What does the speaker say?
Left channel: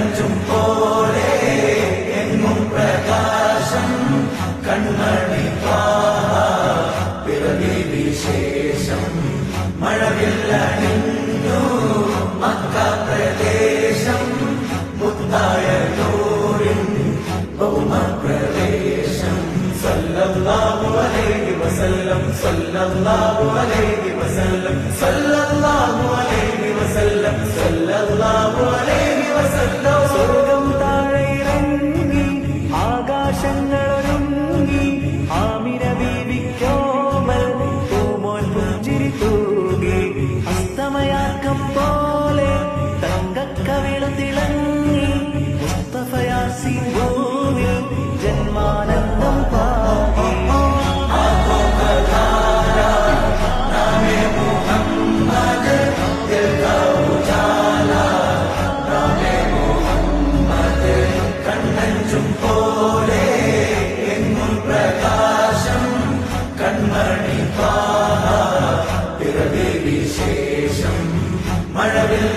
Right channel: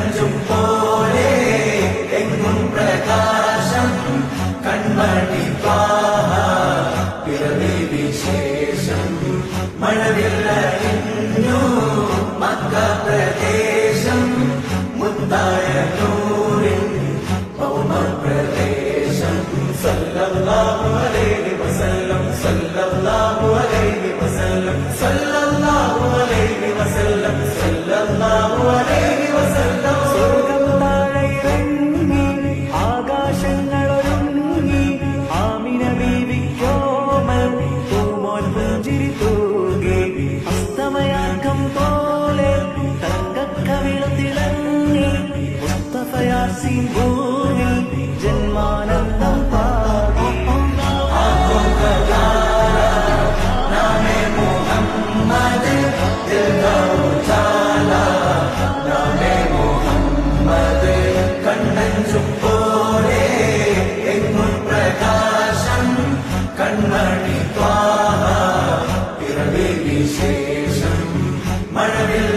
കണ്ണഞ്ചും പോലെ എങ്ങും പ്രകാശം കൺമണി പിറവി വിശേഷം മഴവില്ലണിഞ്ഞു മക്ക പ്രദേശം മുത്തായ നൂറിൻ ഭൗമപ്രദേശം സല്ലല്ലാഹു അലൈഹി വസല്ലം സല്ലല്ലാഹു അലൈഹി വസല്ലം സല്ലല്ലാഹു അലൈഹി വസല്ലം സല്ലല്ലാഹു അലൈഹി വസല്ലം സ്വർഗം താഴെ ഇറങ്ങി ആകാശങ്ങളൊരുങ്ങി ആമിന ബീവിക്കോമൽ പൂമോൻ പുഞ്ചിരി തൂകി അസ്തമയാക്കം പോലെ തങ്കക്കവിളു തിളങ്ങി മുസ്തഫ യാസീൻ ഭൂവിൽ ജന്മാനന്ദം പാകി കണ്ണഞ്ചും പോലെ എങ്ങും പ്രകാശം കൺമണി പിറവി വിശേഷം മഴവിൽ